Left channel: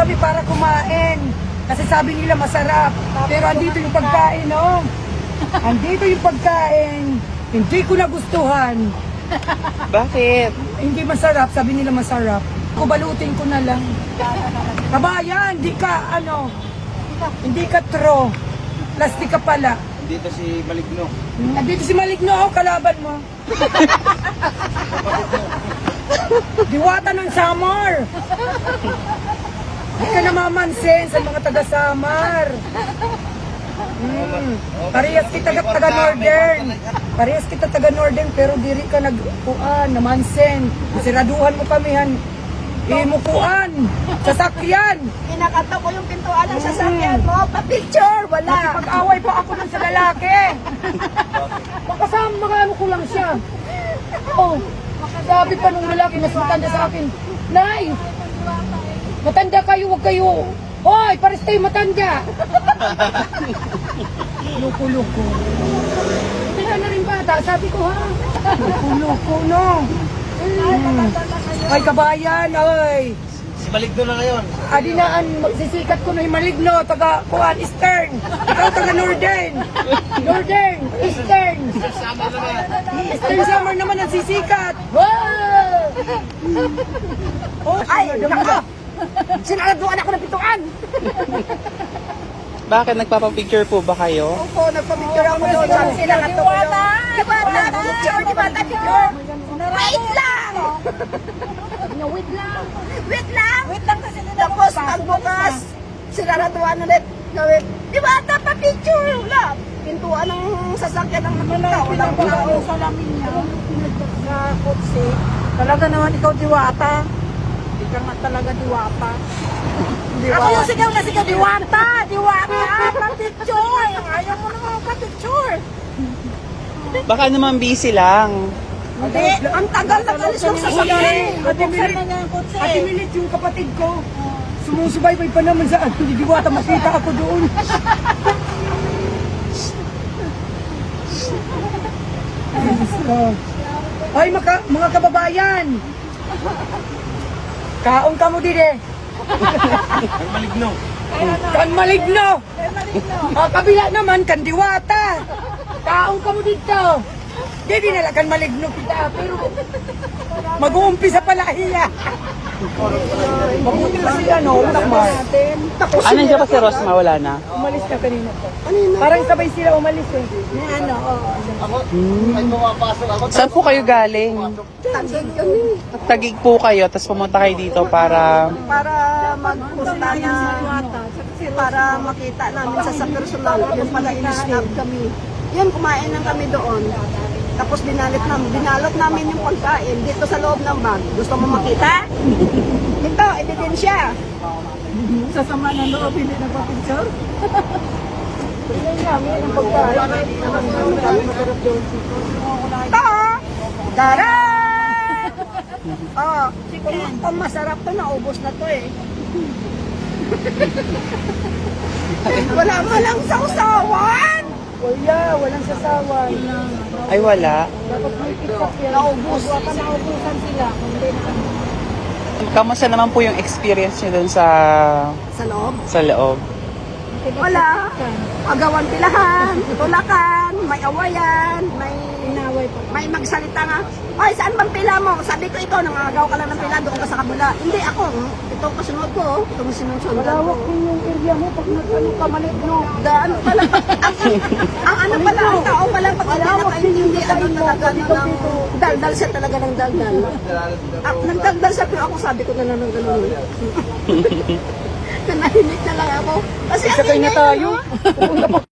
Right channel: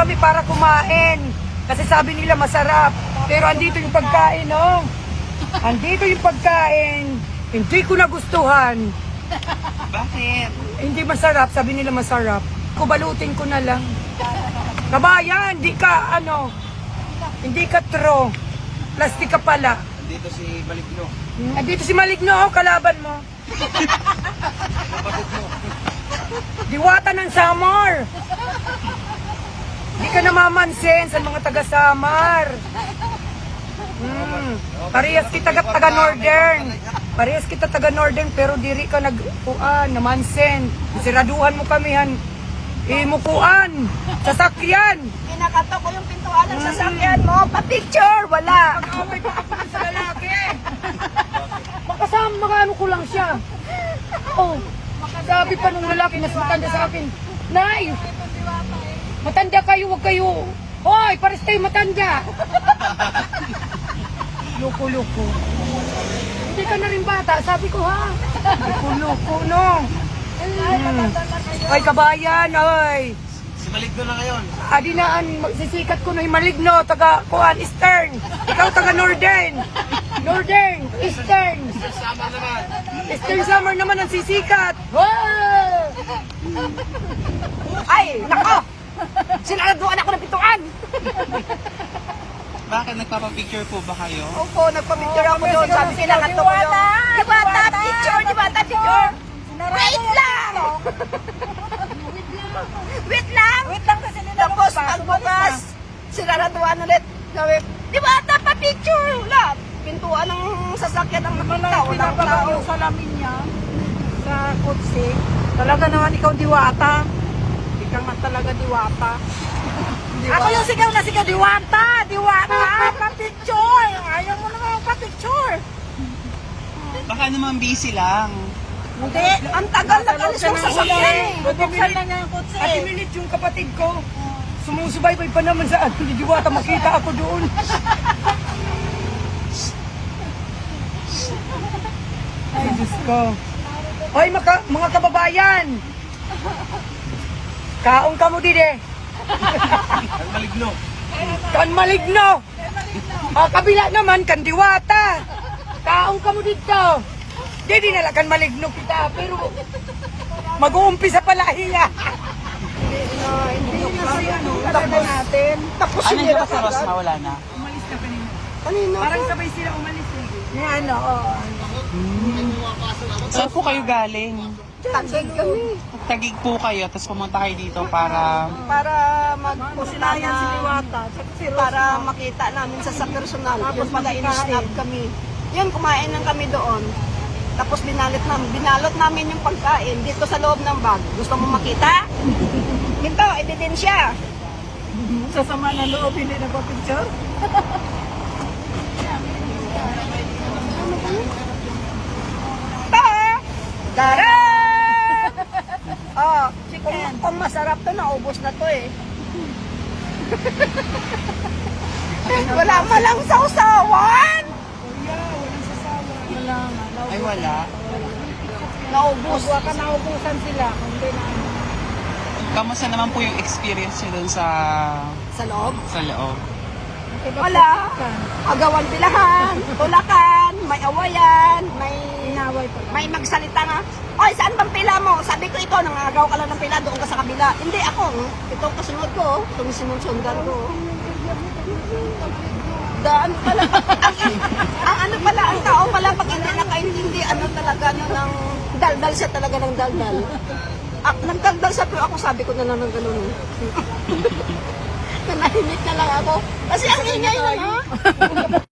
kami para kumain. Kasi sabi nila masarap. Pero andito yung pagkain, no? Andito yung pagkain. Hindi ko nagustuhan. Bakit? Hindi masarap, sabi nila masarap. Kubalutin ko na lang. Kabayan, hindi ka true. Plastic ka pala. Dito si Maligno. Andito si Maligno, kalaban mo. Diwata ng Samar. Hindi ka namamansin sa mga taga-Samar. Parehas kita taga-Northern. Parehas kita taga-Northern pero diri ka namansin. Siraduhan mo kami han. Imukuan. Sasakyan. Kinakanta ko yung pintuan ng sasakyan mo. Pa-picture, wala. Pag-away pa ako lang sa lalaki. Makasama, ano ko lang siya. Oh, sabi pa nung lalaki na matanda sa akin, Nay, matanda kayo, wag kayo. Hoy, pares kayo matanda. Loko-loko. Hindi ka na rin bata, sabi ko ha. Loko-loko, no. Ay, kabayan, oy. Si Maligno na ngayon. Adinaan, sisikat ko na yung Maligno, taga Kuan, Eastern. Ikaw taga Northern. Northern, Eastern. Eastern Summer naman ang sisikat. Wow! Ay, nako! Sinaraduan ako ng pintuan! Bakit nagpapapicture po ba kayo? Opo, nagpa-picture ako doon. Sabi sinaraduan ko yung... Di ba picture? Di ba picture? Wait lang! Wait lang! Wait lang kasi nila. Tapos, pagbukas, sinaraduan ulit. Sabi, di ba picture? Wala. Pintuan ng sasakyan ng nakita. Walang tao. Salamin niya na kotse. Talaga naman ikaw diwata. Ikaw nga talaga diwata. Ako yung sigaw na sigaw, diwata! Diwata! Pa-picture! Ayaw mo naman pa-picture! Baka naman busy lang. Hindi, ang tagal na kalis ng sasakyan. Ate Milit, yung kapatid ko, sumusubaybay pa naman sa ano, di diwata, makita ako doon. Ay, Diyos ko. Ay, mga kababayan! Kaong ka mo dide. Ang Maligno. Kan Maligno. Kabila naman, kan diwata. Kaong ka mo dito. Di nala kan Maligno kita, pero mag-uumpisa pala hiya. Mabuti kasi utak natin. Tapos Ano siya pa si Rosma? Wala na? umalis na kanina. Parang sabay sila umalis eh. Saan po kayo galing? Tagig kami. Tagig po kayo, tapos pumunta kayo dito para... Para magpunta na, para makita namin sa personal. Yun pala in-snap kami. Yun, kumain lang kami doon. Tapos binalot namin yung pagkain dito sa loob ng bag. Gusto mo makita? Ito, ebidensya. Sa sama ng loob, hindi na pa picture. Ito, dara! Oh, kung masarap to, naubos na to eh. Wala malang sausawan! Kuya, walang sasawa. Ay, wala. Naubos. Naubusan sila. Kamusta naman po yung experience niyo dun Sa loob? sa loob? Wala. Agawan pilahan, tulakan, may awayan, may magsalita nga. Ay, saan bang pila mo? Sabi ko ito, nangagaw ka lang ng pila, doon ka sa kabila. Hindi ako. Ito ang kasunod ko. Ito ang sinusundan ko. yung area mo, pag nagtanong ka Maligno. Ano pala? ang ano pala, ang tao pala, pag hindi nakaintindi, ano talaga na ng daldal siya talaga ng daldal. Nang daldal siya, pero ako sabi ko na lang ng gano'n. Nanahimik na lang ako. Kasi ang ingay tayo.